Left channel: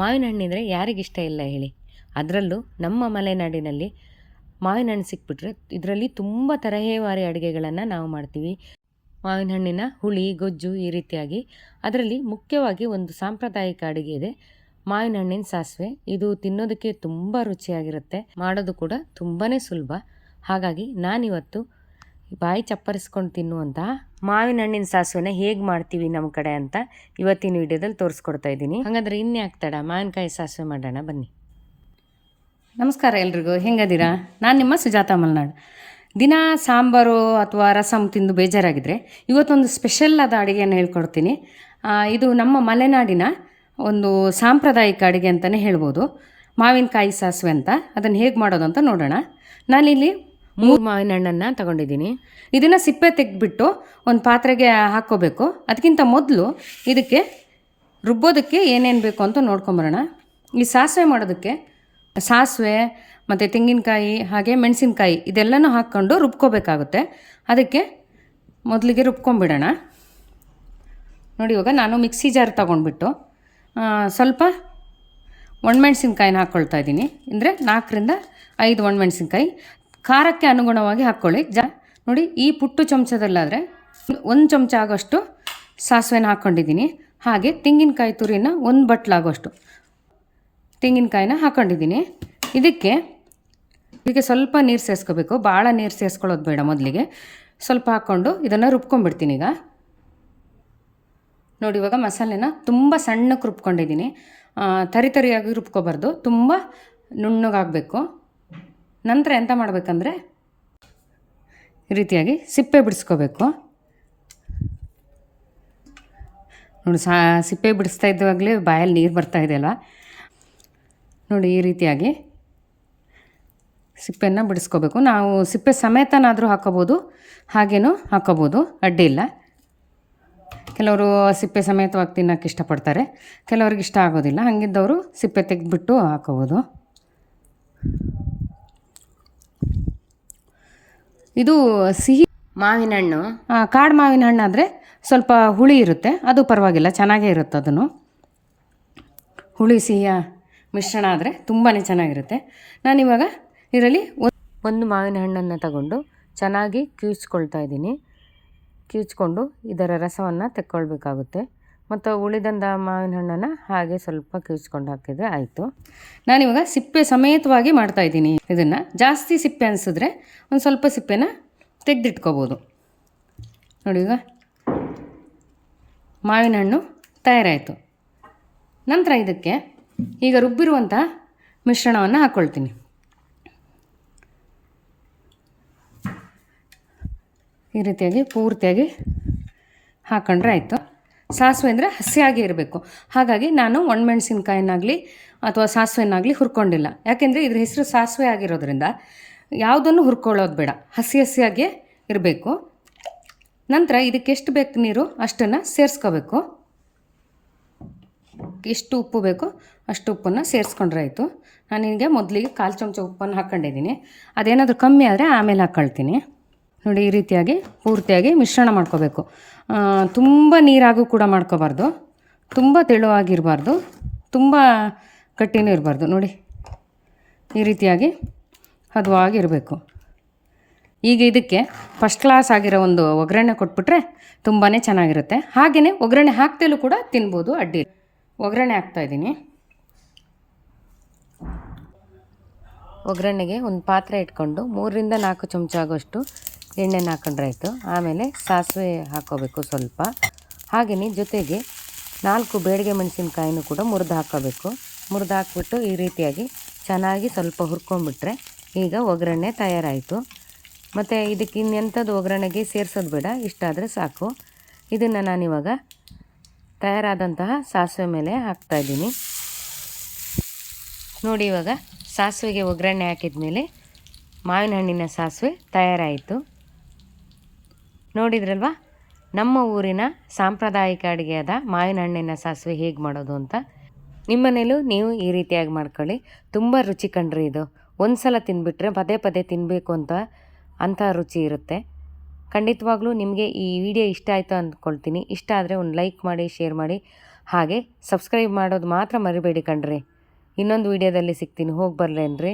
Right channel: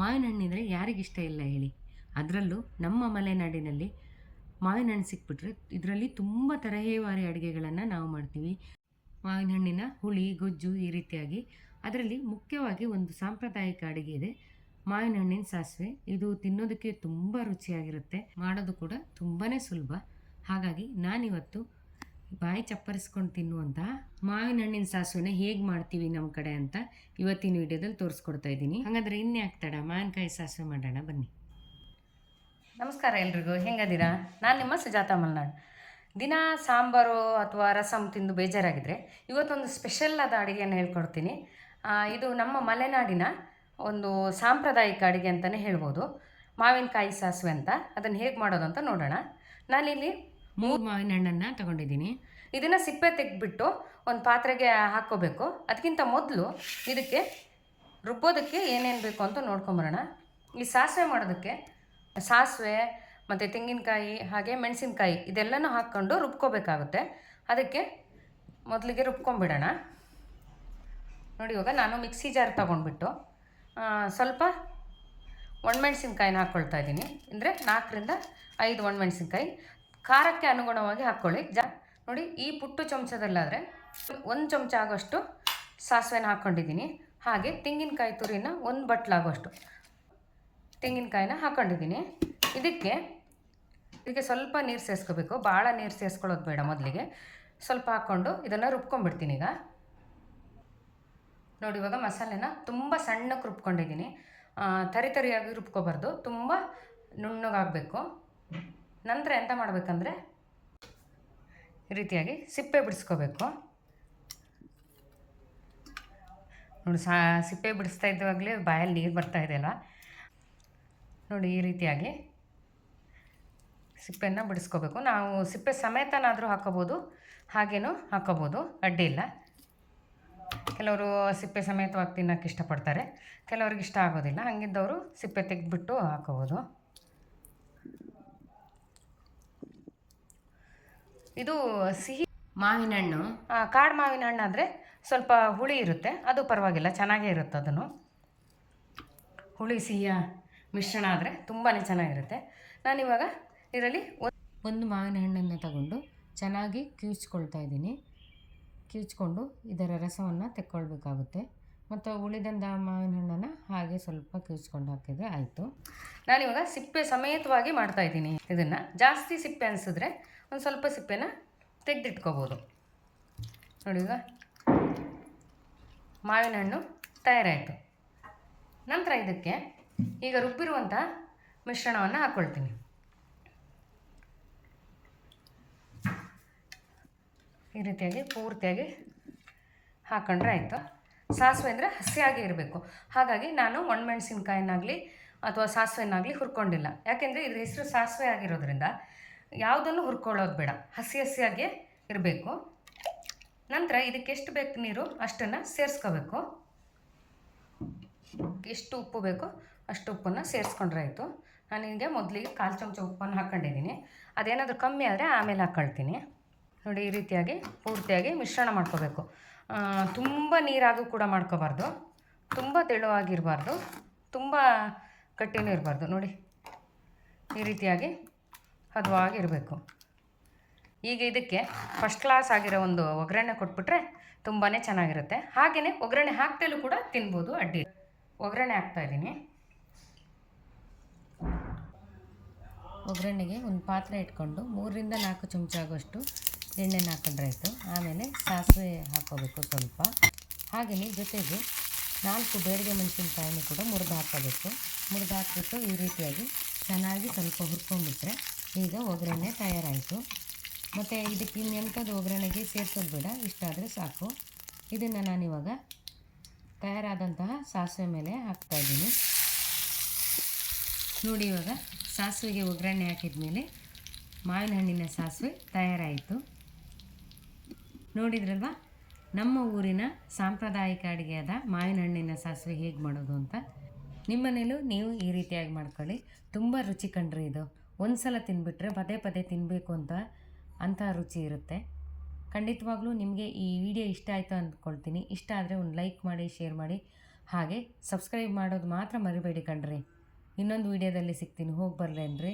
ಮಾವಿನ ಹಣ್ಣಿದ್ರೆ ಯಾರಿಗಿಷ್ಟ ಇಲ್ಲ ಹೇಳಿ. ಅದರಲ್ಲೂ ನಮ್ಮ ಮಲೆನಾಡಿನಲ್ಲಿ ಮಾವಿನ ಹಣ್ಣು ಸಿಕ್ಬಿಟ್ರೆ ಇದರಲ್ಲಿ ತುಂಬ ತರಹೇವಾರಿ ಅಡುಗೆಗಳನ್ನು ನಾವು ಮಾಡ್ತೀವಿ. ಮಾವಿನ ಹಣ್ಣಿನ ಹುಳಿ, ಗೊಜ್ಜು ಈ ರೀತಿಯಾಗಿ. ಅದರಲ್ಲಿ ಮುಖ್ಯವಾಗಿ ಒಂದು ಸಾಂಪ್ರದಾಯಿಕ ಅಡುಗೆ ಇದೆ, ಮಾವಿನ ಹಣ್ಣಿನ ಸಾಸಿವೆ. ಇದು ತಿನ್ನೋದಕ್ಕೆ ತುಂಬ ರುಚಿಯಾಗಿರುತ್ತೆ, ಮಾಡೋದು ಕೂಡ ತುಂಬಾ ಸುಲಭ. ಹಾಗಾಗಿ ನಾನಿವತ್ತು ಬಾಯಿ ಚಪ್ಪರಿಸ್ಕೊಂಡು ತಿನ್ನುವಂತಹ ಮಾವಿನ ಹಣ್ಣಿನ ಸಾಸಿವೆನ ಹೇಗೆ ಮಾಡ್ತೀವಿ ನಮ್ಮ ಕಡೆ ಅಂತ ಇವತ್ತಿನ ವಿಡಿಯೋದಲ್ಲಿ ತೋರಿಸ್ಕೊಡ್ತಾ ಇದ್ದೀನಿ. ಹಾಗಾದರೆ ಇನ್ಯಾಕೆ ತಡ, ಮಾವಿನಕಾಯಿ ಸಾಸಿವೆ ಮಾಡೋಣ ಬನ್ನಿ. ನಮಸ್ಕಾರ ಎಲ್ರಿಗೂ, ಹೆಂಗದಿರಾ? ನಾನು ನಿಮ್ಮ ಸುಜಾತ ಮಲ್ನಾಡು. ದಿನ ಸಾಂಬಾರು ಅಥವಾ ರಸಮ್ ತಿಂದು ಬೇಜಾರಾಗಿದ್ದರೆ ಇವತ್ತೊಂದು ಸ್ಪೆಷಲ್ ಆದ ಅಡುಗೆಯನ್ನು ಹೇಳ್ಕೊಡ್ತೀನಿ. ಇದು ನಮ್ಮ ಮಲೆನಾಡಿನ ಒಂದು ಸಾಂಪ್ರದಾಯಿಕ ಅಡುಗೆ ಅಂತಲೇ ಹೇಳ್ಬೋದು, ಮಾವಿನಕಾಯಿ ಸಾಸಿವೆ ಅಂತ. ಅದನ್ನು ಹೇಗೆ ಮಾಡೋದು ಅಂತ ನೋಡೋಣ. ನಾನಿಲ್ಲಿ 3 ಮಾವಿನ ಹಣ್ಣನ್ನು ತಗೊಂಡಿದ್ದೀನಿ. ಇದನ್ನು ಸಿಪ್ಪೆ ತೆಗೆದ್ಬಿಟ್ಟು ಒಂದು ಪಾತ್ರೆಗೆ ಹಾಕ್ಕೋಬೇಕು. ಅದಕ್ಕಿಂತ ಮೊದಲು ಇದಕ್ಕೆ ರುಬ್ಬೋದಕ್ಕೆ ಏನೇನು ಬೇಕು ಅಂತ ನೋಡ್ಕೊಂಬರೋಣ. ಈ ಸಾಸಿವೆ ಮಾಡೋದಕ್ಕೆ ಸಾಸಿವೆ ಮತ್ತು ತೆಂಗಿನಕಾಯಿ ಹಾಗೆ ಮೆಣಸಿನ್ಕಾಯಿ ಇದೆಲ್ಲನೂ ಹಾಕ್ಕೊಂಡು ರುಬ್ಕೋಬೇಕಾಗುತ್ತೆ. ಅದಕ್ಕೆ ಮೊದಲಿಗೆ ರುಬ್ಕೊಂಬಿಡೋಣ. ನೋಡಿ, ಇವಾಗ ನಾನು ಮಿಕ್ಸಿ ಜಾರ್ ತೊಗೊಂಡ್ಬಿಟ್ಟು ಸ್ವಲ್ಪ ಒಣಮೆಣ್ಸಿನ್ಕಾಯಿನ ಹಾಕ್ಕೊಳ್ತಾ ಇದ್ದೀನಿ. ಅಂದರೆ 4 ರಿಂದ 5 ಒಣಮೆಣ್ಸಿನ್ಕಾಯಿ ಖಾರಕ್ಕೆ ಅನುಗುಣವಾಗಿ ಹಾಕ್ಕೊಳ್ಳಿ. ನೋಡಿ, ಈ ಪುಟ್ಟು ಚಮಚದಲ್ಲಾದರೆ 1 ಚಮಚ ಆಗೋಷ್ಟು ಸಾಸಿವೆನ ಹಾಕ್ಕೊಂಡಿದ್ದೀನಿ. ಹಾಗೆ ತೆಂಗಿನಕಾಯಿ ತುರಿನ 1 ಬಟ್ಲಾಗೋಷ್ಟು ತೆಂಗಿನಕಾಯಿನ ಹಾಕ್ಕೊಂಡಿದ್ದೀನಿ. ಇದಕ್ಕೆ ಸ್ವಲ್ಪ ನೀರು ಸೇರಿಸ್ಕೋಬೇಕು, ಭಾಳ ನೀರು ಸೇರಿಸ್ಕೊಳ್ಳೋದು ಬೇಡ. ಮೊದಲಿಗೆ ಸ್ವಲ್ಪ ಹಾಕ್ಕೊಂಡು ಇದನ್ನು ರುಬ್ಕೊಂಡ್ಬಿಡ್ತೀನಿ. ಈಗ ನೋಡಿ, ಇವಾಗ ಮಸಾಲೆನ ತುಂಬ ಸಣ್ಣಕ್ಕೆ ರುಬ್ಕೊಂಡಿದ್ದೀನಿ. ತರಿಯಾಗಿ ರುಬ್ಕೊಬಾರ್ದು, ತುಂಬ ನುಣ್ಣಗಾಗಬೇಕು. ನಂತರ ಎಂತ ಮಾಡಬೇಕಂದ್ರೆ ಈ ರೀತಿಯಾಗಿ ಸಿಪ್ಪೆ ಬಿಡಿಸ್ಕೋಬೇಕು. ನೋಡಿ, ಸಿಪ್ಪೆ ಬಿಡಿಸ್ತಾ ಇದ್ದಾಗಲೇ ಬಾಯಲ್ಲಿ ನೀರು ಬರ್ತಾಯಿದೆ ಅಲ್ವಾ? ನೋಡಿ, ಈ ರೀತಿಯಾಗಿ ಸಿಪ್ಪೆಯನ್ನು ಬಿಡಿಸ್ಕೋಬೇಕು. ನಾವು ಸಿಪ್ಪೆ ಸಮೇತನಾದರೂ ಹಾಕ್ಕೋಬೋದು, ಹಾಗೇನೂ ಹಾಕ್ಕೋಬೋದು, ಅಡ್ಡಿ ಇಲ್ಲ. ಕೆಲವರು ಸಿಪ್ಪೆ ಸಮೇತವಾಗಿ ತಿನ್ನೋಕ್ಕೆ ಇಷ್ಟಪಡ್ತಾರೆ, ಕೆಲವ್ರಿಗೆ ಇಷ್ಟ ಆಗೋದಿಲ್ಲ. ಹಾಗಿದ್ದವರು ಸಿಪ್ಪೆ ತೆಗೆದ್ಬಿಟ್ಟು ಹಾಕ್ಕೋಬೋದು. ಇದು ಸಿಹಿ ಮಾವಿನ ಹಣ್ಣು, ಕಾಡು ಮಾವಿನ ಹಣ್ಣು ಆದರೆ ಸ್ವಲ್ಪ ಹುಳಿ ಇರುತ್ತೆ, ಅದು ಪರವಾಗಿಲ್ಲ, ಚೆನ್ನಾಗೇ ಇರುತ್ತೆ. ಅದನ್ನು ಹುಳಿ ಸಿಹಿಯ ಮಿಶ್ರಣ ಆದರೆ ತುಂಬಾ ಚೆನ್ನಾಗಿರುತ್ತೆ. ನಾನಿವಾಗ ಇದರಲ್ಲಿ ಒಂದು ಮಾವಿನ ಹಣ್ಣನ್ನು ತಗೊಂಡು ಚೆನ್ನಾಗಿ ಕಿವುಚ್ಕೊಳ್ತಾ ಇದ್ದೀನಿ. ಕಿವುಚ್ಕೊಂಡು ಇದರ ರಸವನ್ನು ತೆಕ್ಕೊಳ್ಬೇಕಾಗುತ್ತೆ. ಮತ್ತು ಉಳಿದಂಥ ಮಾವಿನ ಹಣ್ಣನ್ನು ಹಾಗೆ ಸ್ವಲ್ಪ ಕಿವುಚ್ಕೊಂಡು ಹಾಕಿದರೆ ಆಯಿತು. ನಾನಿವಾಗ ಸಿಪ್ಪೆ ಸಮೇತವಾಗಿ ಮಾಡ್ತಾಯಿದ್ದೀನಿ. ಇದನ್ನು ಜಾಸ್ತಿ ಸಿಪ್ಪೆ ಅನಿಸಿದ್ರೆ ಒಂದು ಸ್ವಲ್ಪ ಸಿಪ್ಪೆನ ತೆಗೆದಿಟ್ಕೋಬೋದು. ನೋಡಿ, ಈಗ ಮಾವಿನ ಹಣ್ಣು ತಯಾರಾಯಿತು. ನಂತರ ಇದಕ್ಕೆ ಈಗ ರುಬ್ಬಿರುವಂಥ ಮಿಶ್ರಣವನ್ನು ಹಾಕ್ಕೊಳ್ತೀನಿ. ಈ ರೀತಿಯಾಗಿ ಪೂರ್ತಿಯಾಗಿ ಹಾಕ್ಕೊಂಡ್ರೆ ಆಯಿತು. ಸಾಸಿವೆ ಅಂದರೆ ಹಸಿಯಾಗಿ ಇರಬೇಕು. ಹಾಗಾಗಿ ನಾನು ಒಣಮೆಣಸಿನ್ಕಾಯಿನಾಗಲಿ ಅಥವಾ ಸಾಸಿವೆನಾಗಲಿ ಹುರ್ಕೊಂಡಿಲ್ಲ. ಯಾಕೆಂದರೆ ಇದ್ರ ಹೆಸರು ಸಾಸಿವೆ ಆಗಿರೋದ್ರಿಂದ ಯಾವುದನ್ನು ಹುರ್ಕೊಳ್ಳೋದು ಬೇಡ, ಹಸಿಯಾಗಿಯೇ ಇರಬೇಕು. ನಂತರ ಇದಕ್ಕೆ ಎಷ್ಟು ಬೇಕು ನೀರು ಅಷ್ಟನ್ನು ಸೇರಿಸ್ಕೋಬೇಕು. ಎಷ್ಟು ಉಪ್ಪು ಬೇಕೋ ಅಷ್ಟು ಉಪ್ಪನ್ನು ಸೇರಿಸ್ಕೊಂಡ್ರೆ ಆಯಿತು. ನಾನಿಗೆ ಮೊದಲಿಗೆ 1/4 ಚಮಚ ಉಪ್ಪನ್ನು ಹಾಕ್ಕೊಂಡಿದ್ದೀನಿ. ಅದೇನಾದರೂ ಕಮ್ಮಿ ಆದರೆ ಆಮೇಲೆ ಹಾಕ್ಕೊಳ್ತೀನಿ. ನೋಡಿ, ಈ ರೀತಿಯಾಗಿ ಪೂರ್ತಿಯಾಗಿ ಮಿಶ್ರಣ ಮಾಡ್ಕೋಬೇಕು. ತುಂಬ ನೀರಾಗೂ ಕೂಡ ಮಾಡ್ಕೋಬಾರ್ದು, ತುಂಬ ತೆಳುವಾಗಿರಬಾರ್ದು, ತುಂಬ ಗಟ್ಟಿನೂ ಇರಬಾರ್ದು. ನೋಡಿ, ಈ ರೀತಿಯಾಗಿ ಹದವಾಗಿರಬೇಕು. ಈಗ ಇದಕ್ಕೆ ಫಸ್ಟ್ ಕ್ಲಾಸ್ ಆಗಿರೋ ಒಂದು ಒಗ್ಗರಣೆ ಕೊಟ್ಬಿಟ್ರೆ ತುಂಬಾ ಚೆನ್ನಾಗಿರುತ್ತೆ. ಹಾಗೆಯೇ ಒಗ್ಗರಣೆ ಹಾಕ್ತೇಲೂ ಕೂಡ ತಿನ್ಬೋದು, ಅಡ್ಡಿ. ಒಗ್ಗರಣೆ ಹಾಕ್ತಾಯಿದ್ದೀನಿ. ಒಗ್ಗರಣೆಗೆ ಒಂದು ಪಾತ್ರೆ ಇಟ್ಕೊಂಡು 3 ರಿಂದ 4 ಚಮಚ ಆಗೋಷ್ಟು ಎಣ್ಣೆನ ಹಾಕೊಂಡ್ರೆ ಆಯಿತು. ಆಮೇಲೆ ಸಾಸಿವೆ ಹಾಕ್ಕೋಬೇಕು ಸ್ವಲ್ಪ. ಹಾಗೆಯೇ ಜೊತೆಗೆ 4 ಬೇಡಿಗೆ ಮೆಣಸಿನ್ಕಾಯಿನೂ ಕೂಡ ಮುರಿದು ಹಾಕ್ಕೋಬೇಕು. ಮುರಿದು ಹಾಕ್ಬಿಟ್ಟು ಈ ರೀತಿಯಾಗಿ ಚೆನ್ನಾಗಿ ಸ್ವಲ್ಪ ಹುರ್ಕೊಂಡ್ಬಿಟ್ರೆ ಈಗ ಒಗ್ಗರಣೆ ತಯಾರಾಯಿತು. ಮತ್ತು ಇದಕ್ಕೆ ಇನ್ನೆಂಥದ್ದು ಒಗ್ಗರಣೆಗೆ ಸೇರಿಸೋದು ಬೇಡ, ಇಷ್ಟಾದರೆ ಸಾಕು. ಇದನ್ನು ನಾನಿವಾಗ ತಯಾರಾದಂತಹ ಸಾಸಿವೆ ಮೇಲೆ ಹಾಕ್ತಾಯಿದ್ದೀನಿ. ನೋಡಿ, ಇವಾಗ ಸಾಸಿವೆಗೆ ಒಗ್ಗರಣೆ ಹಾಕಿದ ಮೇಲೆ ಮಾವಿನ ಹಣ್ಣಿನ ಸಾಸಿವೆ ತಯಾರಾಯಿತು. ನೋಡಿದ್ರಲ್ವ, ನಮ್ಮ ಊರಿನ ಸಾಂಪ್ರದಾಯಿಕ ಅಡುಗೆಯಾದ ಮಾವಿನ ಹಣ್ಣಿನ ಸಾಸಿವೆ ಹೇಗೆ ಮಾಡೋದು ಅಂತ. ನಿಮ್ಮನೇಲೂ ನೀವು ಈ ರೀತಿಯಾಗಿ ಮಾಡ್ಕೊಳ್ಳಿ, ತುಂಬ ರುಚಿ ಕಂಡ್ರಿ. ಇದು ಒಂದು ಸಲ ತಿಂದುಬಿಟ್ರೆ ಪದೇ ಪದೇ ತಿನ್ನಬೇಕು ಅಂಥ ರುಚಿ ಇರುತ್ತೆ. ಖಂಡಿತವಾಗ್ಲೂ ನಿಮಗೆ ಈ ವಿಡಿಯೋ ಇಷ್ಟ ಆಯಿತು ಅಂದ್ಕೊಳ್ತೀನಿ. ಇಷ್ಟ ಆದರೆ ಒಂದು ಲೈಕ್ ಮಾಡಿ, ಶೇರ್ ಮಾಡಿ, ಹಾಗೆ ಸಬ್ಸ್ಕ್ರೈಬ್ ಮಾಡೋದು ಮಾತ್ರ ಮರಿಬೇಡಿ ಕಣ್ರಿ. ಇನ್ನೊಂದು ವಿಡಿಯೋದಲ್ಲಿ ಸಿಗ್ತೀನಿ, ಹೋಗಿ ಬರ್ಲೇನ್ರಿ.